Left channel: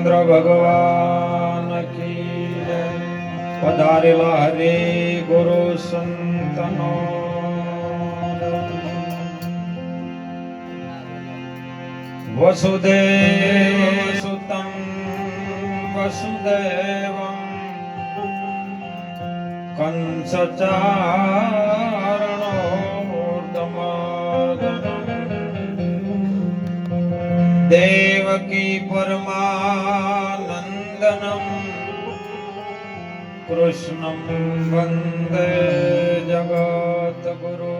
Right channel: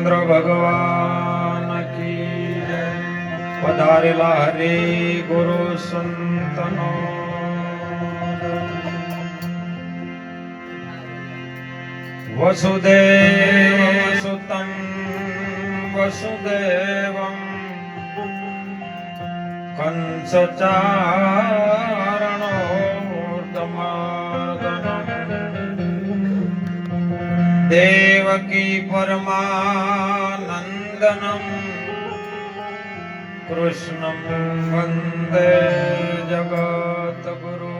रामचंद्र भगवान की पधारेला हरे गुरु संतनो वसुदेव सुतं वसुदेवं कंस देवकी परमानंदनं कृष्णं वंदे जगद्गुरु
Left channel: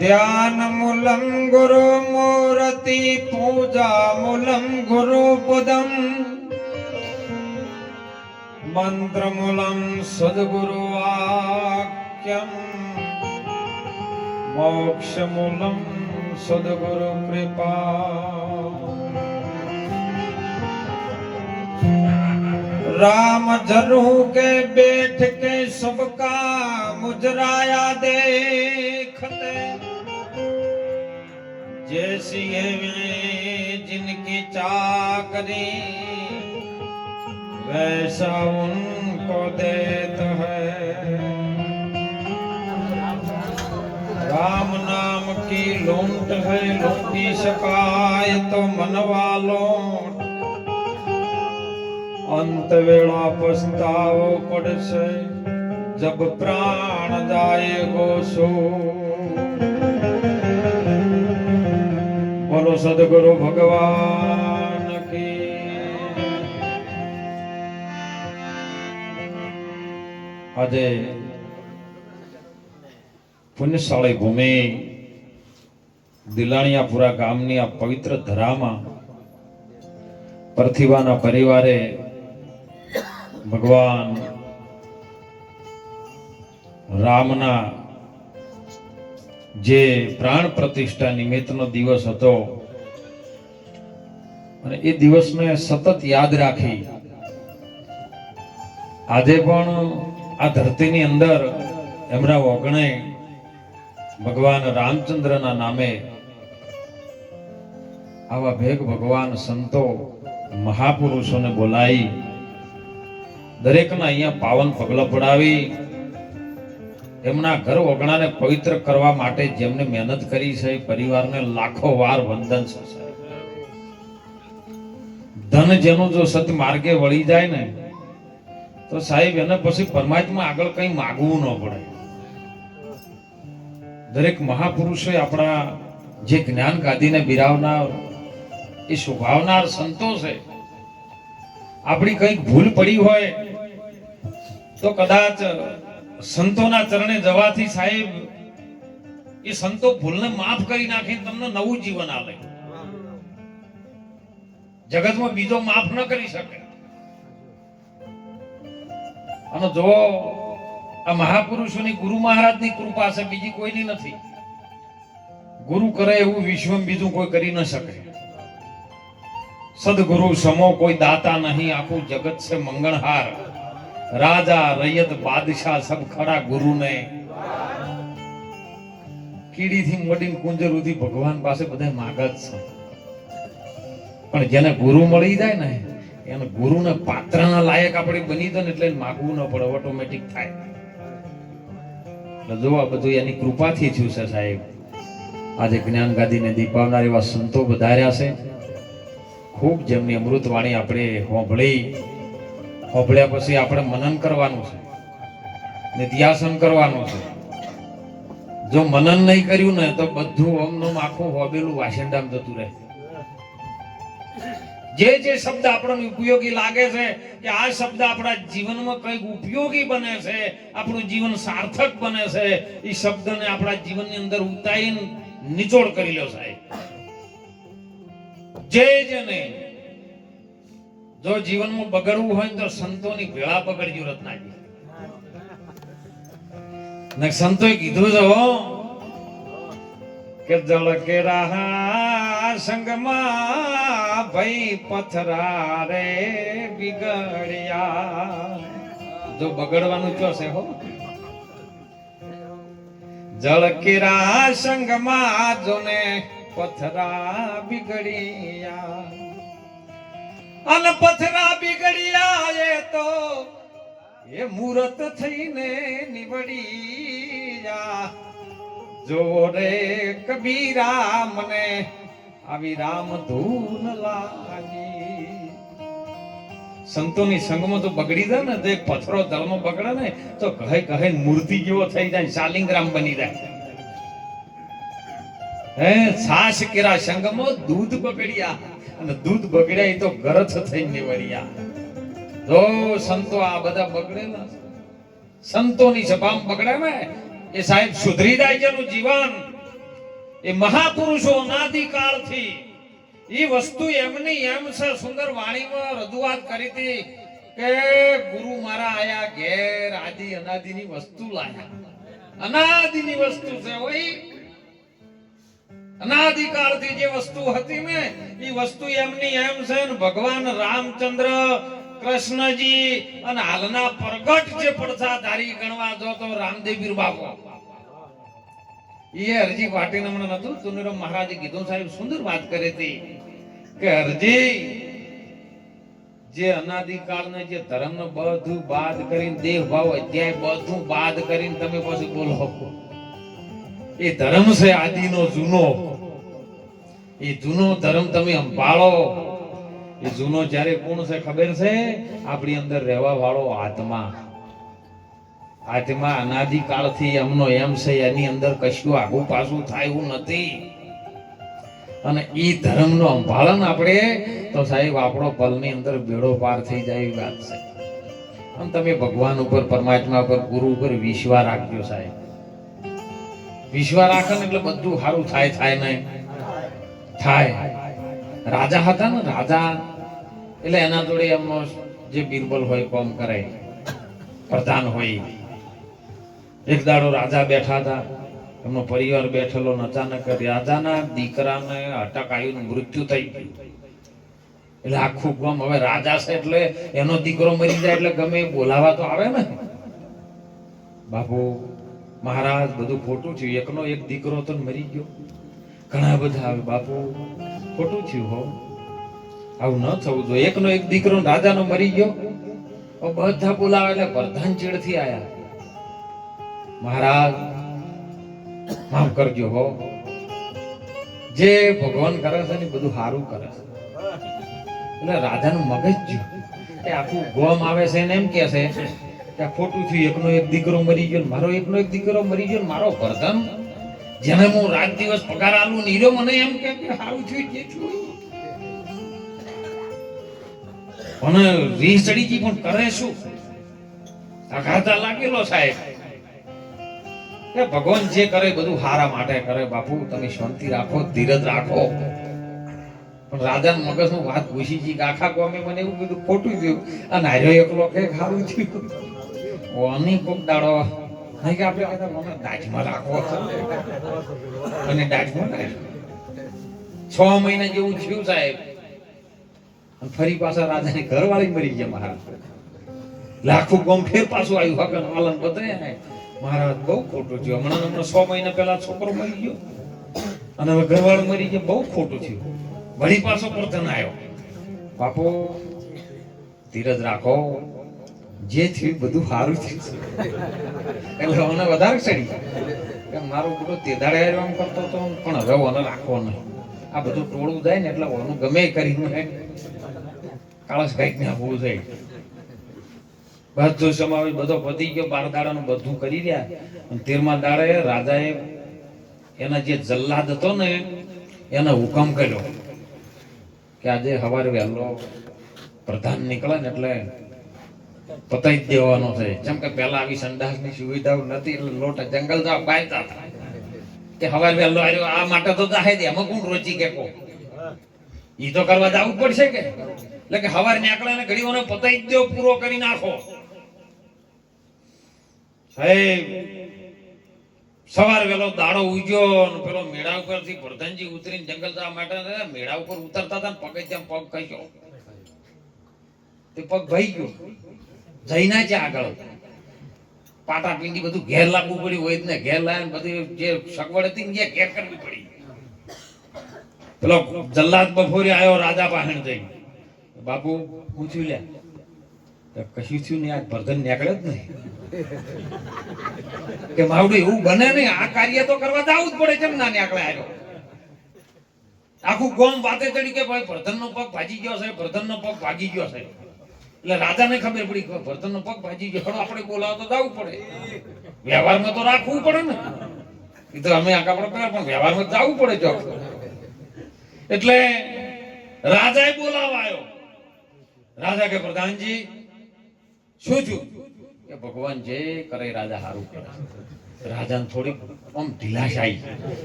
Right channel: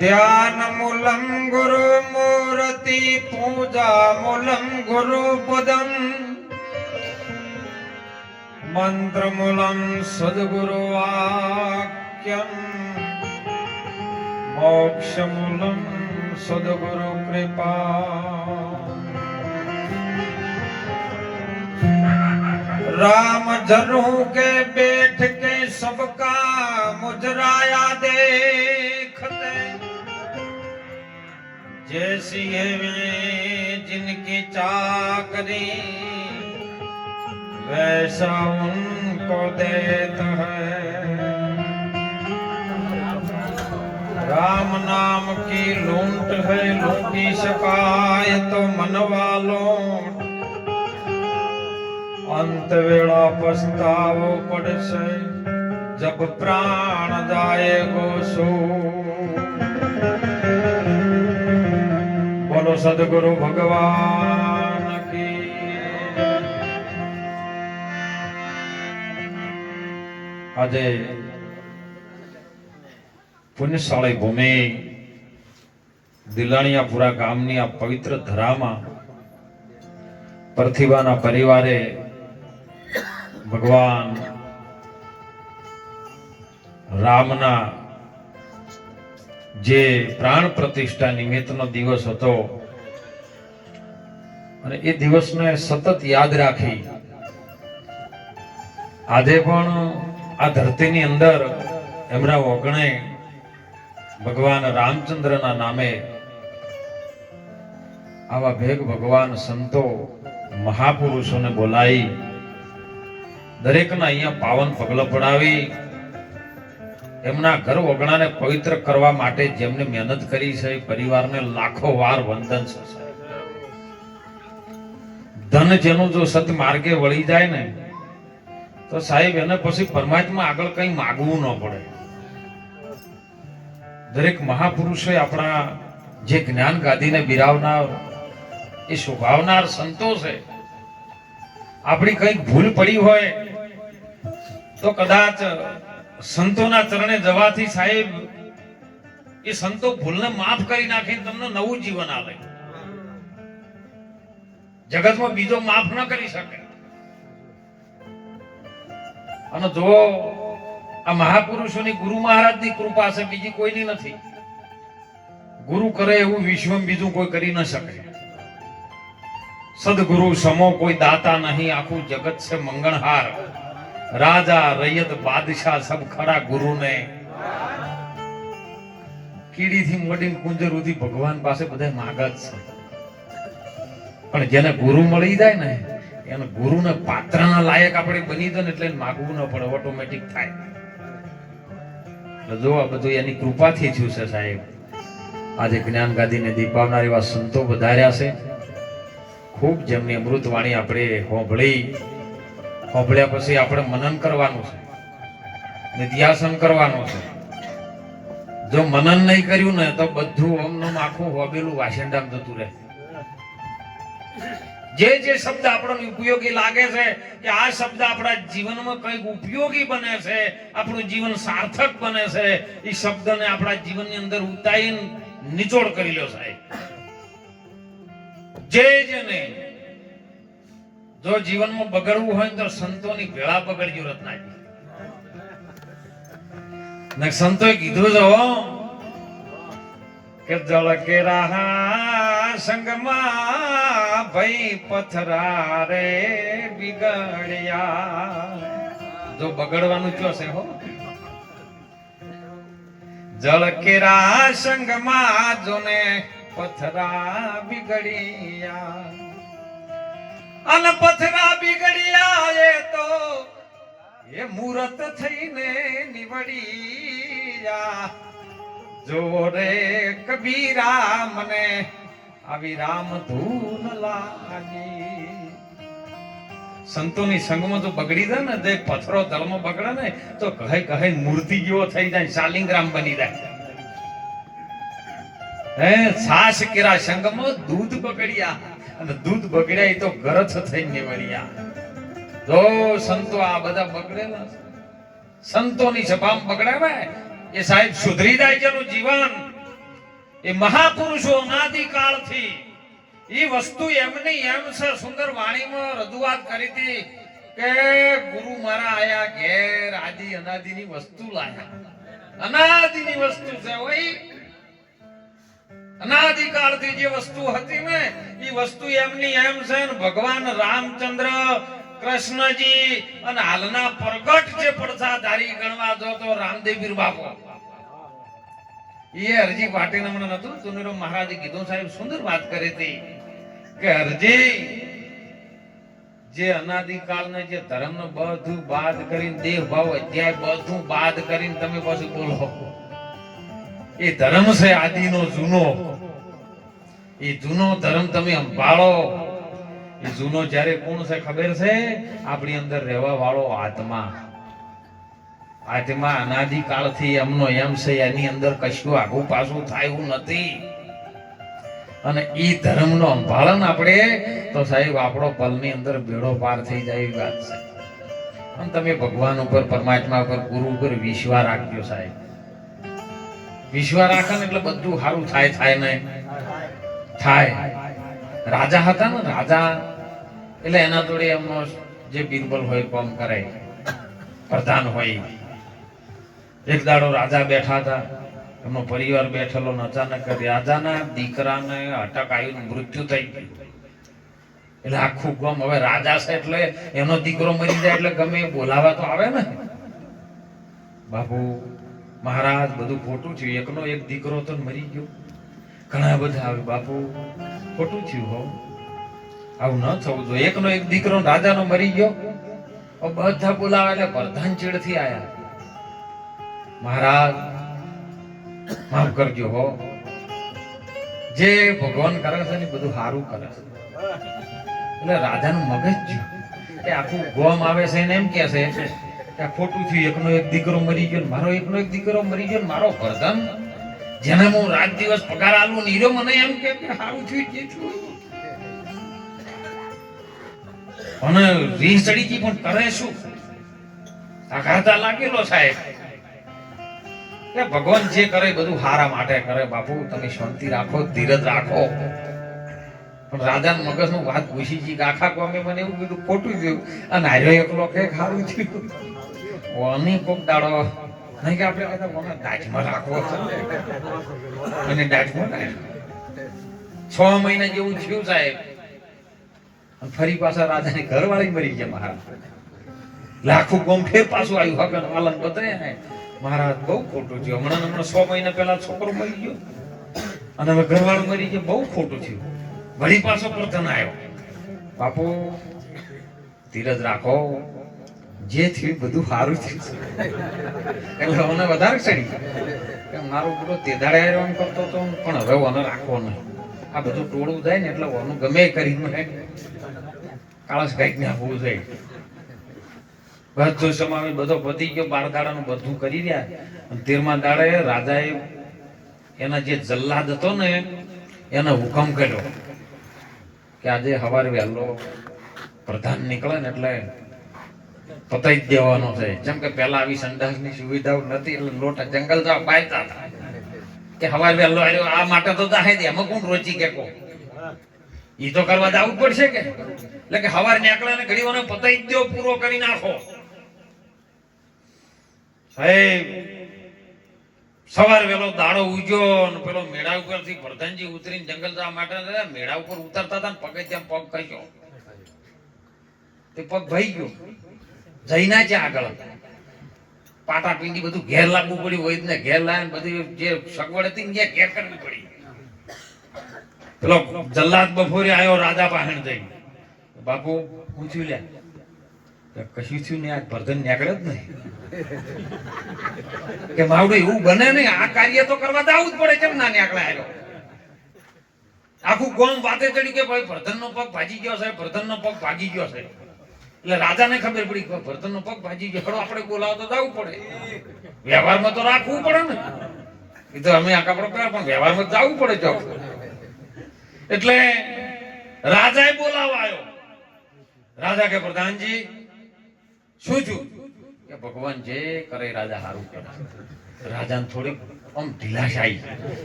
ध्यानमूलं गुरुमूर्ति पूजामूलं गुरुपदं मंत्रमूलं सद्गुरुवाक्यं मोक्षमूलं सद्गुरु कृपा राम जरू के बैठ के सबका मुजराया देखते जैसी जिनकी चाकरी वैसा उनको देता है। राम नाम की लूट है लूटी शकाय तो मनवालों अंत वेला पछतावो पड़से जब प्राण जाएगो सो। बोलो सद्गुरु भगवान की। આજે પુણ્યશાળી ભૂમિ દિલાણીયાપુરા ગામની આ પવિત્ર ધરામાં પ્રતિભાના પરિવારે ભગવાન રામના જે પ્રાણ પ્રતિષ્ઠા નિમિત્તનો દિવસ હતો અને એ દિવસને સતત યાદ રાખી આજે પણ આ ધરતીની અંદર એમના ઓગણે ભગવાન રામચંદ્રના નામે આવા ભેગ ભગવાન સંતો મહાપુરુષોને બોલાવી દરેકના અહીંયા પાવન પગલા પડાવી એમના ઘર ઓગણાને પવિત્ર કરવા માટે જેમને મહેનત કરી છે પરિવારને લાખો વાર વંદન છે। ધન જેનું જો સત માર્ગે વળી જાય ને તો સાહેબ એને પછી પરમાત્મા આગળ કઈ માગવું ન પડે। દરેક મહાપુરુષે આપણા જે જ્ઞાન ગાદીને બિરાવનાર એ શોભાવનાર સંતો છે। આપણી કઈક ભૂલ પડી હોય તો કદાચ સંતોના ચરણે જવાથી સાહેબ એ સંતો ભૂલને માફ કરી નાખી તમને નવું જીવન આપે। જગતમાં બીજો માફ ન કરી શકે। અને જો આ મહાપુરુષોની ગુરુ મહારાજની કૃપા છે બીજી કોઈની નથી। ગુરુ કરે એવું વિશ્વ બીજું કોઈ કરી ન શકે। સદગુરુ સમો કોઈ દાતા નહીં આખું જગત છે મંગણહાર। રાજા રૈયત બાદશાહ સબ ખરા ગુરુ ને કીડી થી મડીને કુંજર સુધી ભગવાન પાસે બધા માગત છે પણ જેને ગુરુ મળી જાય ને એને ગુરુને પાત્રના લાયક આપણે બની જાય ને એટલે માગવું ન પડે ઓટોમેટિક થાય। જો આ બધું એની કૃપાથી થયું છે સાહેબ। આજે જ્ઞાન ગાદીને દીપાવનાર એવા સંતો વધાર્યા છે। ખૂબ જેમની અમૃત વાણી આપણે હોંભળ્યા પછી આપણે મનન કરવાનું છે ને ધ્યાસન કરવાનું છે। જો મનન નહીં કર્યું ને તો બધું ઓમનું આખું હોબેલું વાસંડામ જતું રહે। જે શબ્દ આપણને ઉપયોગી લાગે છે કે આ શબ્દ આપણા જીવનમાં કંઈક ઉપયોગી બને છે આપણું જીવન સાર્થક બને છે એ શબ્દને આપણા જીવનની અંદર ઉતારીને નિચોડ કરી લો સાહેબ। જેને જો જીવનમાં બગડવું હોય તો સંતોની ભેળા પકડજો રત્નાજી ને સંતોએ કીધું છે કે જળ કે રાહા સંગમાં ભઈ પથરા રે બિગડ્યા। જો બગડવાનું ક્યો છે હો જળ કેરા સંગમાં જોને પથરા બિગડિયા અને પથરા બિગડિયા એ તો એ મૂરત થઈને નીવડિયા જોવો રે કબીરા મને આવી રામ ધૂન લાગી. સંતોની સંગમાં તો બગડી જાય ને, તે પથરો દળમાં બગડે ને તો કહે કહે મૂર્તિ જેવો થઈ જાય, શાલિંગ્રામ બની જાય. હે સાસ કેરા સંગમાં દૂધ બગડ્યા અને દૂધ બગડ્યા તો ગરથ થઈ નીવડ્યા. જો સંતો આ બધા બગડેલા સંતોની સભામાં બગડે ને એ સાહેબ સુધરી જાય જેનું જીવન. એ મહાપુરુષો અનાદિકાળથી એ વસ્તુ એમની એમ છે. સુંદર વાણીમાં રજૂઆત કરી હતી કે ગુરુ મારા આયા ઘેર આદિ અનાદિની વસ્તુ લાયા. અનાદિની વસ્તુ છે ઓય, અનાદિકાળથી જે વસ્તુ હતી ને એ વસ્તુ એમની એમ છે. ને ભગવાન રામચંદ્ર કૃષ્ણજી અને હાલના પ્રગટ જે પડસાધારી ગણવા જો તો રામદેવીર બાપુ એ હરજી પાટીલ હમણાં નતું તુનીરામ મહારાજે કીધું, સાહેબ સુંદર વાત કરી હતી કે હરજી જે અનાદિકાળને જે ધર્મનો બધું બાદ કરીને દેહ ભાવ અધ્યાય બધું બાદ કરીને તમે પાછું બોલો એ ધર્મ છે આદિનો જૂનો. એ જૂનો ધર્મ તમે સંભાળો. એ જૂનો જ્યારે કોણ છે ખબર છે? આપણી અંદર રહેવા વાળો આત્મા. આત્મા અનાદિકાળથી એમનો એમ છે, એની અંદર કશું આગું પાછું થાય એવું નથી. અને એ ધર્મનો સંભાળન આપણે તો સાહેબ આપણો પલની અંદર બેડો પાર થઈ જાય એવી વાત છે. અને તમે ભગવાન ઉપર, પરમાત્મા ઉપર, ગુરુ ઉપર વિશ્વાસ રાખજો સાહેબ. વિશ્વાસ રાખો ને એટલે બધું સારું થાય ને થાય. રાજા હતા ને, રાજા એટલે એના જોડે એમનો જે બિરબલ હોય કામ કરે, પ્રધાન હોય. એક દાડો રાજા બેઠા હતા, એમનો પરિવાર બેઠેલો, અચાનક રાજાના દીકરાને અટક આવ્યું, મૃત્યુ થઈ ગયું. એટલે આખું ગામ, હવે રાજા છે એટલે એનો દીકરો મરી જાય એટલે ગમે બોલાવા તો આવે ને. બાપુ મહારાજ બધું ખોટું થયું, એકનો એક દીકરો તો મરી ગયો. ઘણા બધા આવે, બાપુ ખોટું થયું, હો આવું ન થવું જોઈએ. એકનો એક દીકરો રાજાનો મરી ગયો, બધા બોલાવે એટલે પ્રધાન ચીડથી આયા, મહારાજ માફ કરજો હો, જે ભગવાન કરે છે ને બધું સારું કરે છે. એટલે રાજાનું મગજ જ્યું કે આખું ગોમ આવે છે ને એમ કે છે કે ખોટું થયું, એકનો એક દીકરો મરી ગયો, મારો એકનો એક દીકરો મરી ગયો, મારો પ્રધાન જેને હું રાત દિવસ પગાર આલું નીરો મને એમ કે સારું થયું જે થયું. અને રીહ ચડી ગઈ, પણ કરે શું? આઘાતા લાગેલો સાહેબ કે ભગવાન જે કરે બધું હારા માટે કરે. બાપુ તમે શાંતિ રાખો, ધીરજ રાખો. પણ રાજાના મગજમાં વાત ઘૂસી ગઈ કે આખા ગામે મને એવું બધું ખોટું થયું અને હાર્યો એકલો કે સારું થયું. ઓની કોક દાડો નહીં કે આપણે મને દાજમાં રાખવો અને દાજમાં રાખ્યો. 6 મહિના જેવું થયું સાહેબ. ફરી પાછા રાજાની ઘરવાળી મરી ગયા મહારાજ. લાખું ગામ ફેર પાછું આવ્યું, હકન વાલન બતાવ્યા ને મહારાજ બહુ ખોટું થયું. હમણાં 6 મહિના પહેલા છોકરો મરી ગયો અને હવે ઘરવાળો મરી ગયો, બહુ ખોટું થયું. વળી પાછો પ્રધાન આવ્યો. બાપુ ધીરજ રાખો, જે થયું બધું સારું થયું. એટલે મને વધારે ચડી કે મારું બધું તે દાડે એમ કરતો હતો, પણ હવે ઓને રાખવો નહીં. આ બધું ટોળું જાય ને એટલે ઓનું ગમે કરીને કાળસ કઈક ને હોવું જોઈએ. બધો સમાવેશ બધો પતી ગયો, 12 દાડાનું બધું કરી રહ્યા. 13મા દાડે રાજાએ એના જે જલ્લાદ હતો ને એને હુકમ કર્યો કે આજે સવારે વહેલો પ્રધાન નીકળે ને એટલે પતાઈ જ દેવાનો છે. જેમ કે પહેલા આવી સંડાસની સુવિધાઓ નથી એટલે લોટ જંગલ જાવ બાયતા કે સવારે વહેલો આવ્યો આ માટે તો જાહે દે, એમાં કોણ રોચી કે કો ઈ તો કરવા જવું પડશે કે. એટલે કે સવારે નીકળે ને ઘડીઓને પતાઈ જ દો, પૂરો કરી નાખો. સાહેબ સવારે વેલો દાડો ઉગ્યો ને પેલો મેળા ઉપરથી પ્રધાનજી ઉતરીને જંગલ જવા માટે મેળા ઉપર ઉતરતા હતા ને પગે ત્યાં પગ ખસ્યો, તે પગ ભઈ ગયો. જઈના છે આગળ પાટા પીંડી બધું ઘેર લાવવું પડ્યું હોય ને ઘેર લાવીને બધી જે સગવડ હતી ને ઘેર કરવી પડી. પેલો જલ્લાદ બપોરે આવ્યો રાજા પાસે જઈ, બાપુ હું છું લે, કશું થયું ને આ ભરધન નીકળે જ નહીં કે માવડું એવું બને નહીં, આ કાર્ય તો કરવા જવું જ પડે, કેમ ના નીકળે આવ્યો. આખું ગોમ વાતે ચડી કે ભાઈ ભરધનનો પગ ભાજી ગયો છે, ભરધનનો પગ ભાગી ગયો છે. એટલે રાજાને ખબર પડી કે ભરધનનો પગ ભાજી ગયો, આપણે બોલાવો તો જવું પડે, વ્યવહારમાં તો રાખવું પડે ને. એ તો અમે આખા પ્રકાર પણ વ્યવહારમાં જવું પડે જો. એટલે રાજાએ બોલાવા આવ્યો. રાજા કે પ્રધાનજી શું છું? કે ભગવાન જે કરે રાજા સારું કરે. રાજાને થોડીક આમ ઢીલાશ આવી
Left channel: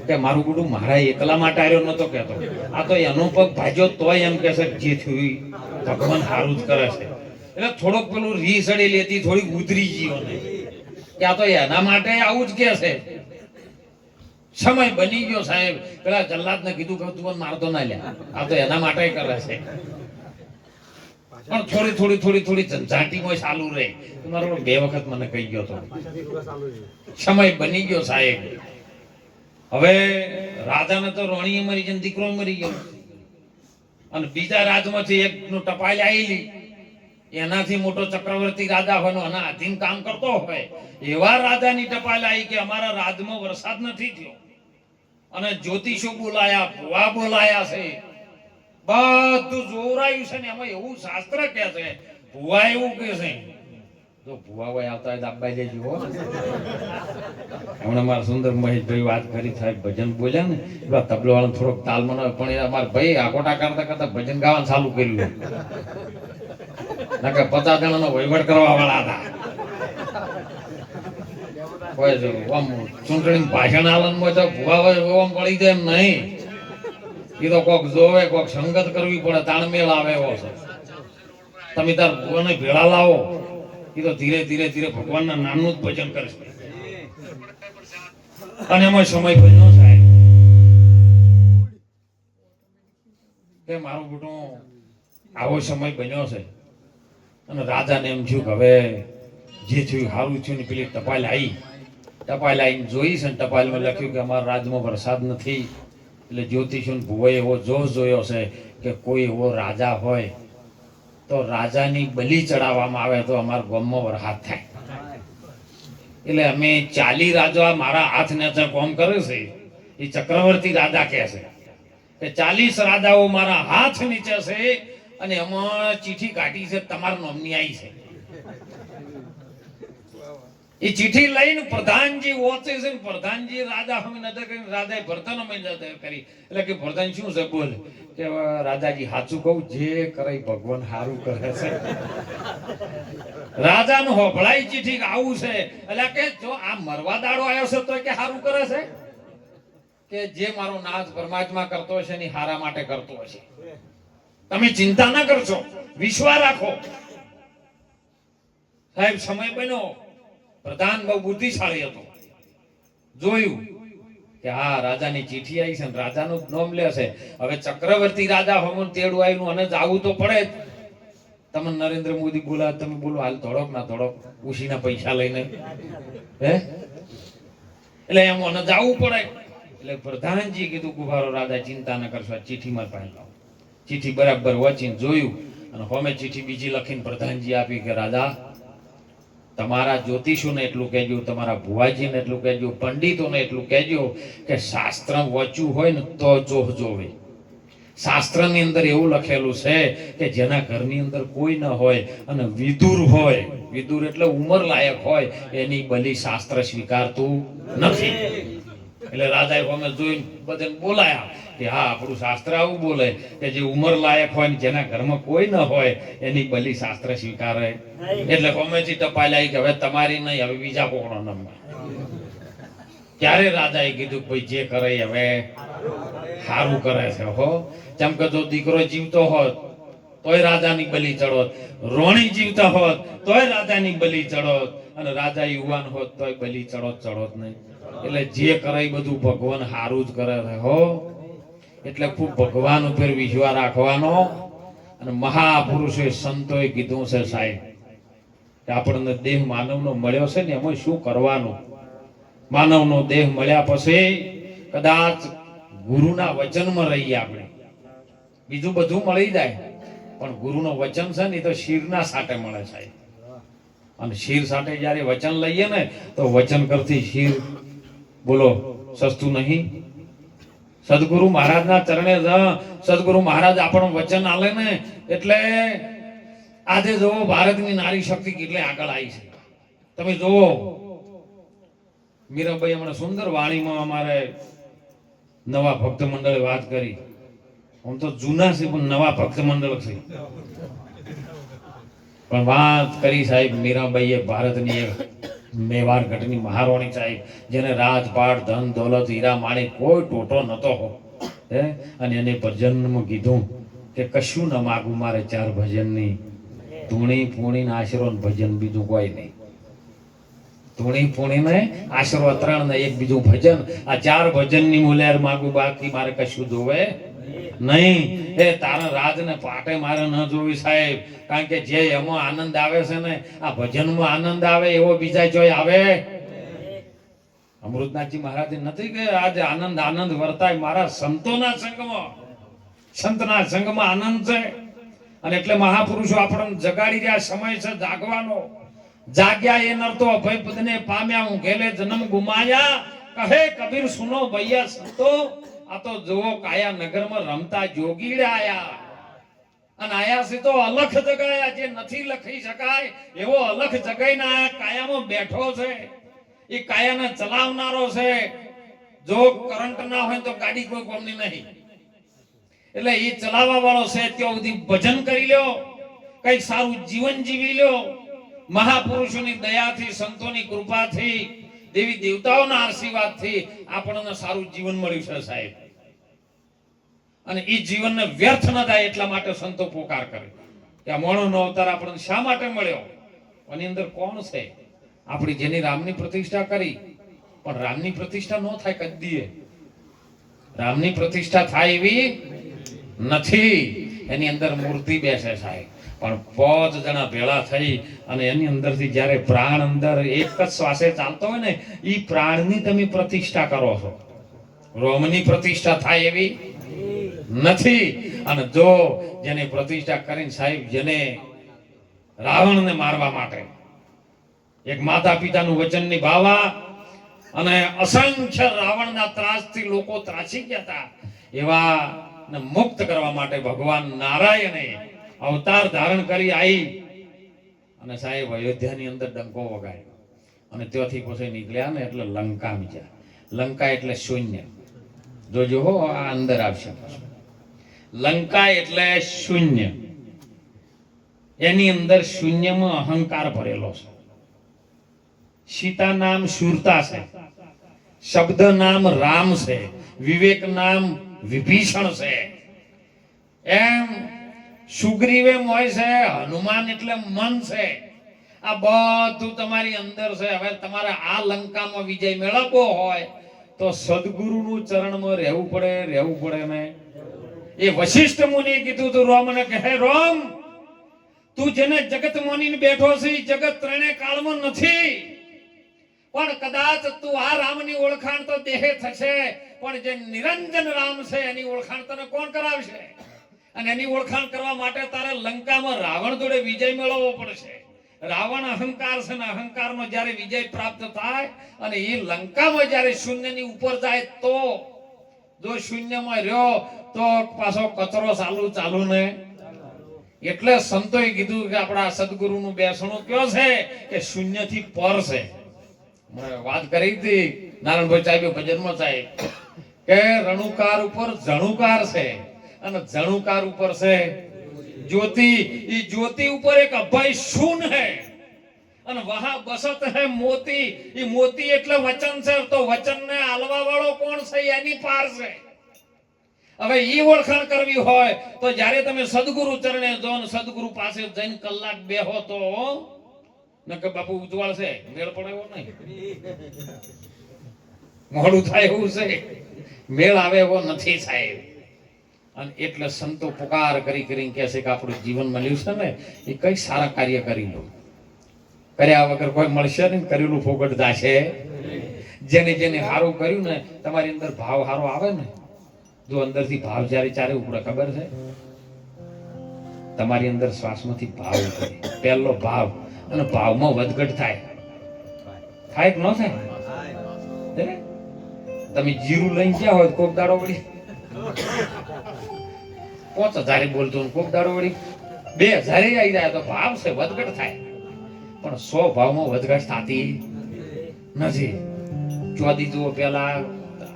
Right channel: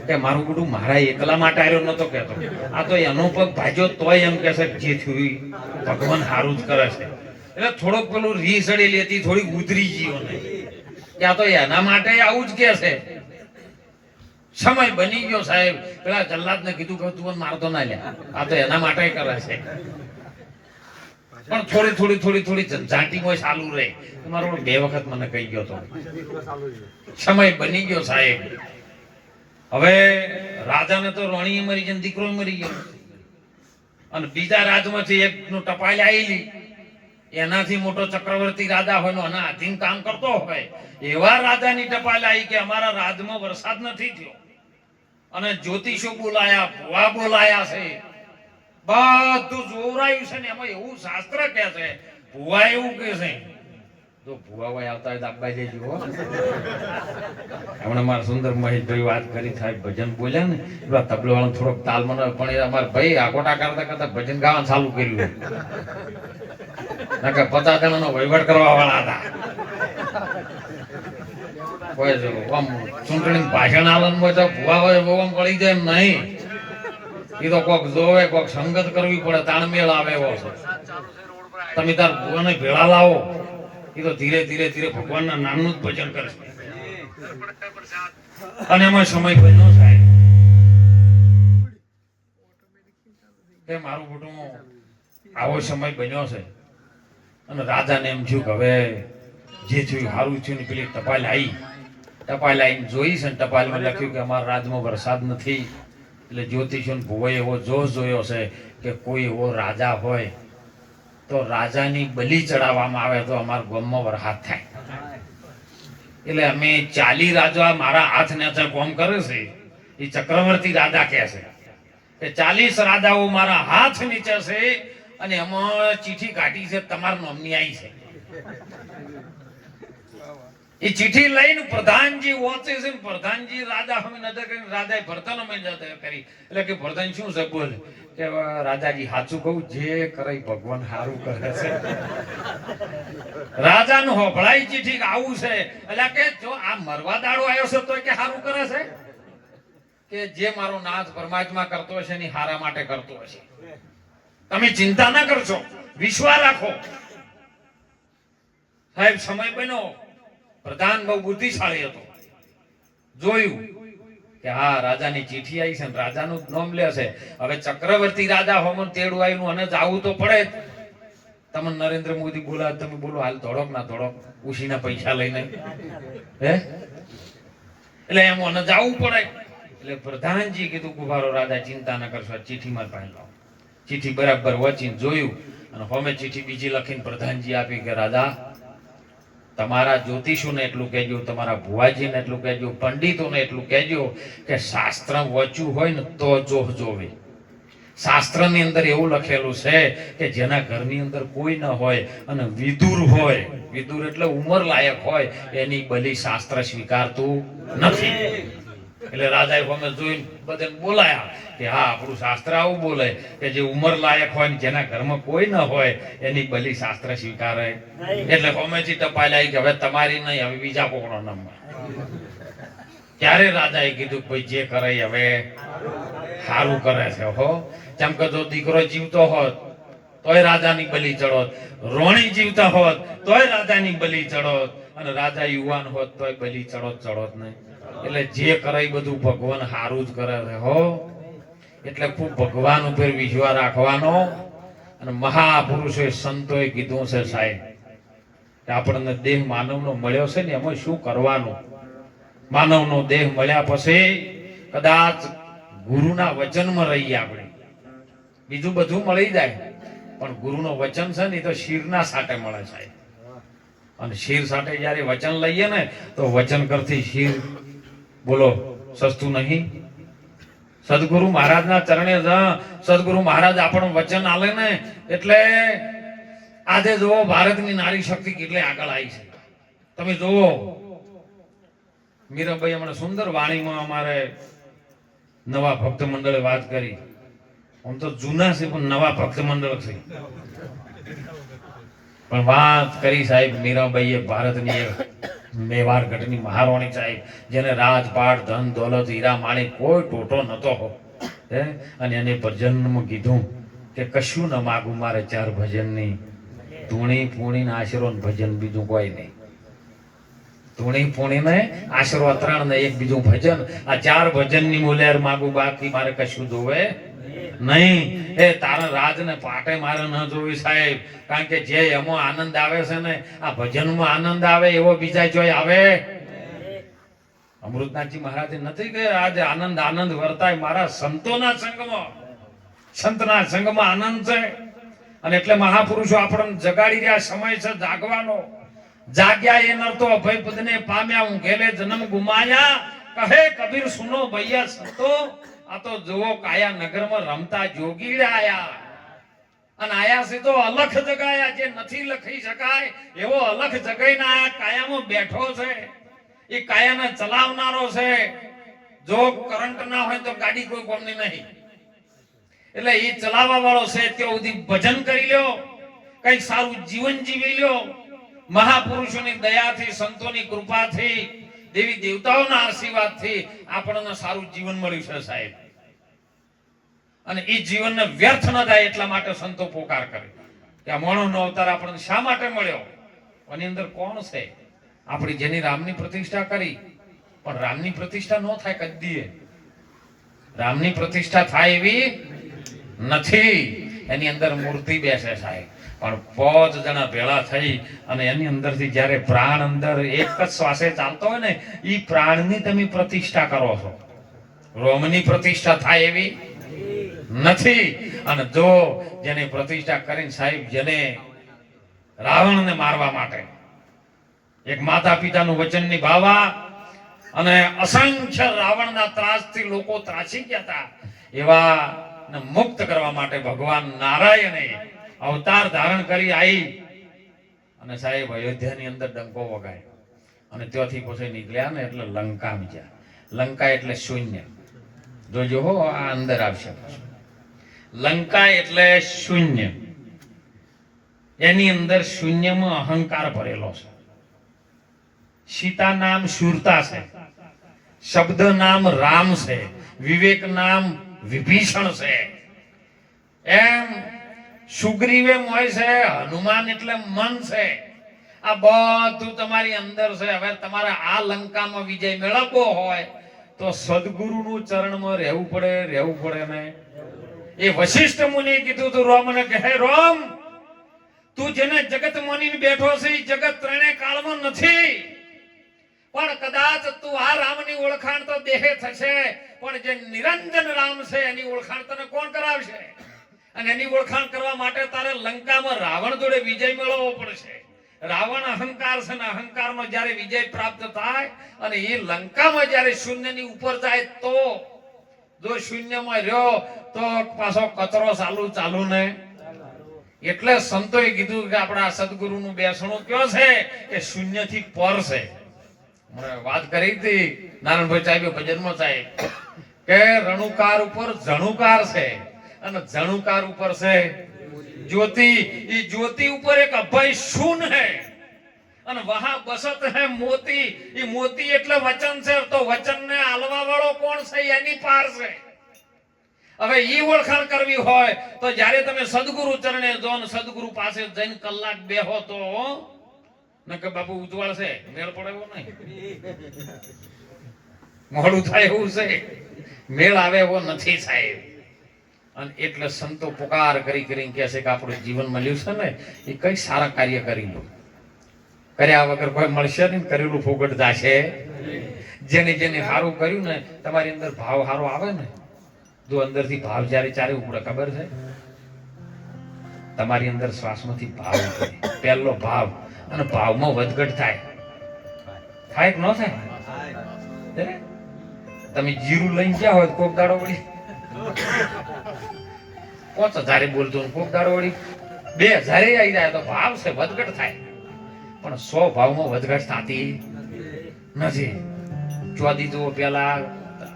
કે મારું બધું મારા એકલા માટે આવ્યો નતો કહેતો, આ તો એનો પગ ભાજ્યો તોય એમ કે છે જે થયું ભગવાન સારું જ કરે છે. એટલે થોડોક પેલું રી સડેલી હતી, થોડીક ઉતરી ગયો ને કે આ તો એના માટે આવું જ કે છે. સમય બની ગયો સાહેબ. પેલા જલ્લાદને કીધું કે તું મારતો ના લે, આ તો એના માટે કરે છે. પણ થોડી ઝંઝાટીમાં ચાલુ રહે. મારો 2 વખત મને કહી ગયો તો સમય બની ગયો સાહેબ. હવે રાજાને તો રોણી મરી ગઈ, દીકરો મરી ગયો, અને બીજા રાજમાંથી એકનું ટપાલ આવેલી, એનાથી મોટો ચક્રવર્તી રાજા હોય આના આધીન કામ કરતો હોય એવા રાજાની ટપાલ આવી કે અમારા રાજમાં વરસાદ નથી થયો, અને જ્યોતિષો બોલાયા, ભુવા બોલાયા છે, બધું જોરાયું છે ને એમાં એવું શાસ્ત્ર કે છે, ભુવા એવું કે છે. તો ભુવા ભાઈ આવતા હોય દાબાઈ દેજો. હમણાં મારા સુંદર મહેશભાઈ વાત કરી, સાહેબ ભજન બોલ્યા ને એવા તબલો વાળો થોડોક તાલ મને, પણ એ અમારા ભાઈ આકોટા કરતા કરતા ભજન ગાવાનું ચાલુ કર્યું. નકર 50 જણાનો વહીવટ કરવા વાળા હતા. કોઈ આમ ચૂંટણી ભાષણ આલનમાં તો ભુવા હોય આમ પડી જાય એમ નહીં. એ તો કોક જોવે, કોક સંગત કરવી પડે, તાણમેળ આવે એવો છે. તમે તાર ભુવાને ભેળા લાવો, એ તો ધીરે ધીરે ભગવાનના નામનું જ ભજન કરે છે. અને એમાં સમય બન્યો સાહેબ કે મારું બેટું આવો સમય બન્યો છે. અને રાજાને એમ થયું કે હવે જે થયું સારું થયું ને. પેલી ટપાલ આવીને જોઈ છે ને, ટપાલમાં લખ્યું કે અમારા રાજમાં વરસાદ નથી. એટલે જ્યોતિષો ભુવાએ એવો જોશ જોયો છે કે કોઈ એવો રાજા હોય તો રાજાની બલી ચડાવવામાં આવે તો અમારા ગામમાં વરસાદ થાય. એટલે અમે 40 રાજા મારા હાથ નીચે કામ કરે છે. એ ચક્રવર્તી રાજા કહે છે કે 40 રાજાઓ મારા હાથ નીચે છે, અને એમાં ચીઠી કાઢી છે તમારા નામની આવી છે. એ ચીઠી લઈને પ્રધાનજી વાંચે છે. પ્રધાનજી રાજા હવે નજર કરી, રાજાએ ભરતન અમે નજર કરી. એટલે કે ભરતન શું છે બોલ કે રાજાજી સાચું કહું, જે કરે ભગવાન સારું કરે છે. રાજાનું હોભળાઈ ચીઠી આવું છે. એટલે કે જો આ મરવા દાડો આવ્યો છે તો કે સારું કરે છે, કે જે મારો નાથ પરમાત્મા કરતો હશે ને હારા માટે કરતો હશે. તમે ચિંતા ના કરશો, વિશ્વાસ રાખો. સાહેબ સમય બન્યો. પ્રધાન બહુ બુદ્ધિશાળી હતો. જોયું કે હા રાજાની ચીઠી આવી છે ને રાજાનું નામ લે છે. હવે ચક્રવર્તી રાજા હોમન તેડું આવ્યું અને જાવું તો પડે જ. તમે નરેન્દ્ર મોદી બોલાવે, તમે બોલો હાલ ધોડક ના ધોડક ઉશીના પૈસા લઈને, હે એટલે એમ મને જાવું પડે. એટલે પ્રધાનજી કીધું કુભારો રાજા ચિંતા ન કરશો, ચીઠીમાં પાડી લાવો. ચીઠી બરાબર વાંચીને જોયું, અને હોમે ચીઠી બીજી લખીને પ્રધાનજી આપી કે રાજા તમારા જ્યોતિષોને એટલું કહેજો, તમારા ભુવાજીને એટલું કહેજો, પંડિતોને એટલું કહેજો કે શાસ્ત્ર વાંચ્યું હોય ને તો જોવે. શાસ્ત્રની અંદર એવું લખેલું છે કે જેના ઘરની અંદર કોઈ ન હોય અને વિદુર હોય, વિદુર એટલે ઉંમર લાયક હોય, એની બલિ શાસ્ત્ર સ્વીકારતું નથી. એટલે રાજાએ હોમે જોઈને બધાને બોલાયા કે હા આપણું શાસ્ત્ર આવું બોલે કે જે ઉંમર લાયક હોય ને જેના ઘરમાં કોઈ ન હોય એની બલિ શાસ્ત્ર સ્વીકારે. એટલે હોમેથી ટપાલ આવી કે હવે તમારી નહીં, હવે બીજા કોકનો નંબર. ત્યારે રાજાએ કીધું ભાઈ જે કરે હવે સારું કરે છે. હો જેમ કે જો દીકરો જીવતો હોત તોય રાજાની બલિ ચડોત, રોણી જીવતા હોત તોય રાજાની બલિ ચડોત, અને રાજા યુવાન હોત તોય બલિ ચડોત નહીં. એટલે જે કરે બધું ભગવાન સારું જ કરે છે. હો એટલે ખૂબ ભગવાન ઉપર વિશ્વાસ રાખવાનો. અને મહાપુરુષોએ સંતોએ કીધું છે સાહેબ કે આપણને દેહ માનવનો મળ્યો છે ને એમાં શું કરવાનું. માનવનો દેહ મળ્યા પછી કદાચ ગુરુના વચનમાં રહીએ આપણે, બીજું બધું મળી જાય, પણ ગુરુનો વચન છે ને એ તો શીરના સાટે મળે સાહેબ. અને શીર સાથે જયારે વચન લઈએ ને તો વચન કરતી શીર બોલો સસ્તું નહીં. સદગુરુ મહારાજના ચરણે સદગુરુ મહારાજ આપણું વચન આલે ને એટલે આજે જુઓ ભારતની નારી શક્તિ કેટલી આગળ આવી છે. તમે જુઓ મીરાબાઈ હમણાં સુંદર વાણીમાં અમારે નવા ભક્ત મંડળે વાત કરી. હું તો જૂના છે પણ નવા ભક્ત મંડળ છે, પણ વાત કરી સાહેબ મીરાબાઈએ ભારતની મેવાડ ગઢની મહારાણી સાહેબ, જેને રાજપાટ ધન દોલત હીરા માણી કોઈ ટોટો નતો હો હે. અને એને ભજનમાં કીધું કે કશું ન માગું મારે ચાર ભજનની, ધૂણી પૂણી આશરો ભજન, બીજું કોઈ નહીં. ધૂણી પૂણી ને આશરો ત્રણ ને એક બીજું ભજન, આ ચાર ભજનની મુલેર માગું, બાકી મારે કશું જોવે નહીં. એ તારા રાજ ને પાટે મારે ન જોવી સાહેબ, કારણ કે જે એમાં આનંદ આવે છે ને આ ભજનમાં આનંદ આવે એવો બીજા જોઈ આવે. અમૃતનાથજી મહારાજ નથી કે આજે આનંદ આનંદ વર્તાય મારા સંતોના સંગમાં, સંતના સંગમાં આનંદ છે. અને એટલે મહાપુરુષો આપણને જગાડી રહ્યા, સમય છે જાગવાનો. જાગ્યા એ નરતો અભય પદને પામ્યા, હું ઘેલે જન્મ ગુમાયા, કહે કબીર સુનો ભૈયા સંતો, આ તો જુઓ કાયા નગરમાં રમતા જોગીડે આયા. અને આયા છે તો અલખ જગાયા, જે નથી લખી શકાય એવો અલખ જગાઈને આયા કાયામાં બેઠો છે. એ કાયાને ચલાવનારો છે. જો કરંટ ના હોય તો ગાડી કોઈ કોમની નહીં, એટલે એ ચલાવવા વાળો છે. ત્યાં સુધી ભજન કરી લ્યો, કઈ સારું જીવન જીવી લ્યો. મહાપુરુષોની દયાથી, સંતોની કૃપાથી, દેવી દેવતાઓના આશીર્વાદથી આપણને સારું જીવન મળ્યું છે સાહેબ. અને એ જીવનને વ્યર્થ ન થાય એટલા માટે સંતો પોકાર કરે કે આ મોણોનો અવતાર આપણને શા માટે મળ્યો. એની અંદર કોણ છે? આપણી જેની રામની પ્રતિષ્ઠા કરી, પણ રામની પ્રતિષ્ઠા ન થાય કદીએ. રામની પ્રતિષ્ઠા થાય એવી નથી. એની અંદર મૂર્તિ બેસે સાહેબ, પણ 5 જણા ભેળા થઈ અને એની અંદરથી જ્યારે પ્રાણ અંદર એક જ શ્વાસે ચાલતો હોય ને, એ પ્રાણની તમે પ્રતિષ્ઠા કરો છો. રોમની પ્રતિષ્ઠા થાય એવી નથી. અને જો જેને પ્રતિષ્ઠા કરીને સાહેબ, જેને રાવણને મારવા માટે એક માતા પિતાનું વચન નિભાવવા અને અસંખ્ય રાવણના ત્રાસથી લોકો ત્રાસી ગયા હતા, એવા મુક્ત કરવા માટે ભગવાન નારાયણે અવતાર ધારણ કરી આવી અને સાહેબ અયોધ્યાની અંદર ડંકો વગાડ્યો. અને ત્યાંથી પછી નીકળ્યા ને એટલે લંકા બીજા. લંકા એટલે શૂન્ય. જોજો હો, આ અંદર આવશે. લંકા એટલે શૂન્ય. એની અંદર શૂન્યમાં અહંકાર ભરેલો છે. સીતા નામ શૂરતા છે, શબ્દ નામ રામ છે, વિવેક નામ વિભીષણ છે. એમ સુગ્રીવે મોય છે, હનુમાન એટલે મન છે. આ બધું તમારી અંદર છે. હવે તમારે આ લંકામાં વિજય મેળવવો હોય તો સદગુરુનું ચરણમાં રહેવું પડે ને. એ વશિષ્ઠ મુનિએ કીધું તું રોમને કે હે રોમ, તું જેને જગત માનીને બેઠો છે એ જગત ત્રણે કાળમાં નથી, પણ કદાચ તું આ રામની ઓળખાણ તો દેહે થશે, પણ જે નિરંજન રામ છે એની ઓળખાણ તને કોણ કરાવશે? અને એની ઓળખાણ કરવા માટે તારે લંકામાં રાવણ જોડે વિજય મેળવવો પડશે. રાવણ અહંકાર છે ને અહંકારમાં જ્યારે વિજય પ્રાપ્ત થાય અને એ લંકામાં જ્યારે શૂન્યની ઉપર જાય, તો જો શૂન્યમાં રહ્યો તો પાછો કચરો ચાલુ ને. એટલે સંતોએ કીધું કે આપણા સદગુરુનું બેસણું કયો છે કે શૂન્યથી પર છે. વાત કરી હતી નારાયણભાઈ સાહેબ ભજનમાં સાહેબ કે રણુકાર ઉપર જણુકાર છે અને જણુકાર ઉપર છે જ્યોતિ. એ જ્યોતિ ઉપર એક અભય શૂન है અને વહા બસત है મોતી. એ મોતી એટલે વચન છે, તો વચનને આલવા વાળો કોણ છે? એની પાર છે. હવે ઈ ઓળખાણ કરવી હોય તો જ્યારે તમે સદગુરુ ચરણે જો ને સદગુરુ પાસે જઈને કલાક બેહો તો નકે બાપુ ઉજવાળ છે, મેળ પડાવો નહીં, મોડું થાય એવું છે, મેળ આવે એવો નથી સાહેબ. અને એટલે સંતો પુકાર કરી કરીને કહે છે કે આપણું જીવન મળ્યું છે ને એ કઈ સારા કાર્ય કરી લો. કર્યા વગર કોઈ મળશે નહીં, કરેલું ફોગટ જાશે. જેને જેને સારું કર્યું ને, તમારી અંદર ભાવ સારો આવે ને જો અંદરથી ભાવ જ્યારે ચારે ઉપડે ખબર છે તમારી અંદર શ્વાસમાંથી ભાવ ઉપડે પહેલો ભાવ અને ભાવમાં વધઘટ થાય થાય કે ન થાય તમે જીરું લઈને ગયા હોય કોક દાડો વળી 5000 બોલતો કોક દાડો વળી 2000 આવી જાય તો ભાવ છે વધઘટ થાય પણ 100 ભાવમાં વધઘટ થતી નથી ચોદી જુઓ પેલા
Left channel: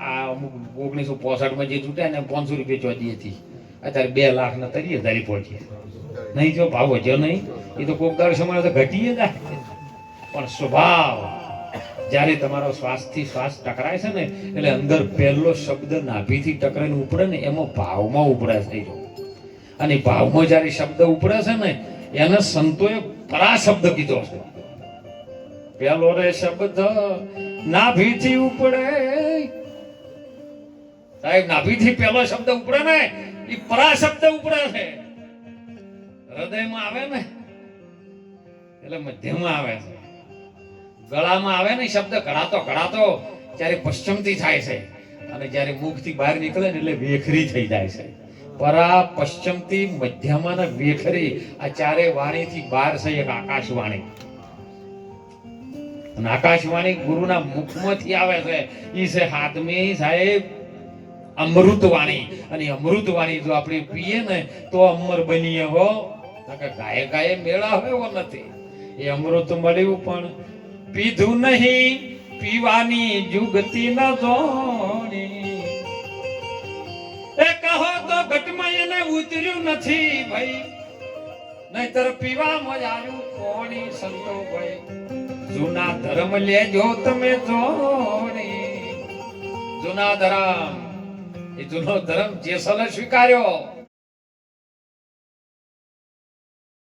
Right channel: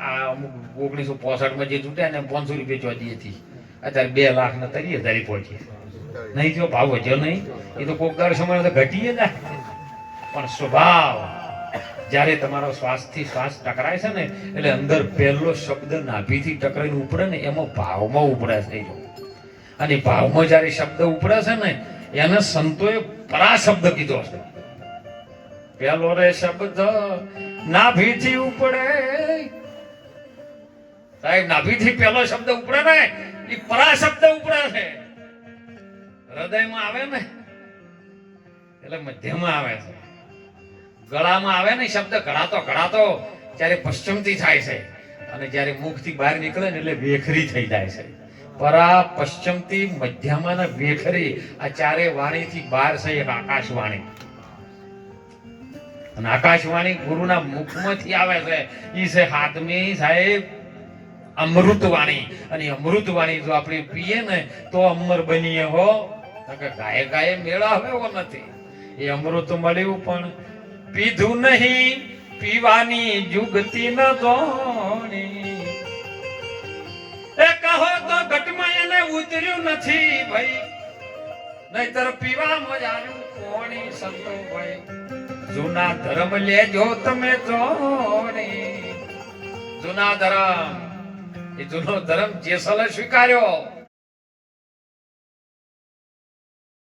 આ 1965 માં જે છૂટ્યા ને 500 રૂપિયા ચોદી હતી અત્યારે 2 લાખ ને 30,000 પહોંચી નહીં જો ભાવ વધ્યો નહીં એ તો કોક દાડો સમય તો ઘટી જાય પણ સ્વભાવ જ્યારે તમારો શ્વાસથી શ્વાસ ટકરાય છે ને એટલે અંદર પહેલો શબ્દ નાભીથી ટકરાઈને ઉપડે ને એમાં ભાવમાં ઉપડે થઈ જાય અને ભાવમાં જ્યારે શબ્દ ઉપડે છે ને એને સંતોએ પરા શબ્દ કીધો છે પહેલો રે શબ્દ નાભીથી ઉપડે સાહેબ નાભીથી પહેલો શબ્દ ઉપડે ને એ પરા શબ્દ ઉપડે છે હૃદયમાં આવે ને એટલે મધ્યમાં આવે છે ગળામાં આવે ને શબ્દ ઘડાતો જ્યારે પશ્ચિમથી થાય છે અને જ્યારે મુખથી બહાર નીકળે ને એટલે વેખરી થઈ જાય છે પરા પશ્ચિમથી મધ્યમાં ને વેખરી આ ચારે વાણીથી બહાર છે એક આકાશવાણી અને આકાશવાણી ગુરુના મુખમાંથી આવે છે ઈ છે હાથમી સાહેબ અમૃતવાણી અને અમૃતવાણી જો આપણે પીએ ને તો અમર બનીએ હો ગાય ગાય મેળા એવો નથી એ અમૃત મળ્યું પણ પીધું નહીં પીવાની જુગતી ન જોણી એ કહો તો ઘટમાં એને ઉતર્યું નથી ભાઈ નહીતર પીવામાં આવ્યું કોણી સંતો ભાઈ જૂના ધર્મ લેજો તમે જોણી જૂના ધર્મ એ જૂનો ધર્મ જેસલે સ્વીકાર્યો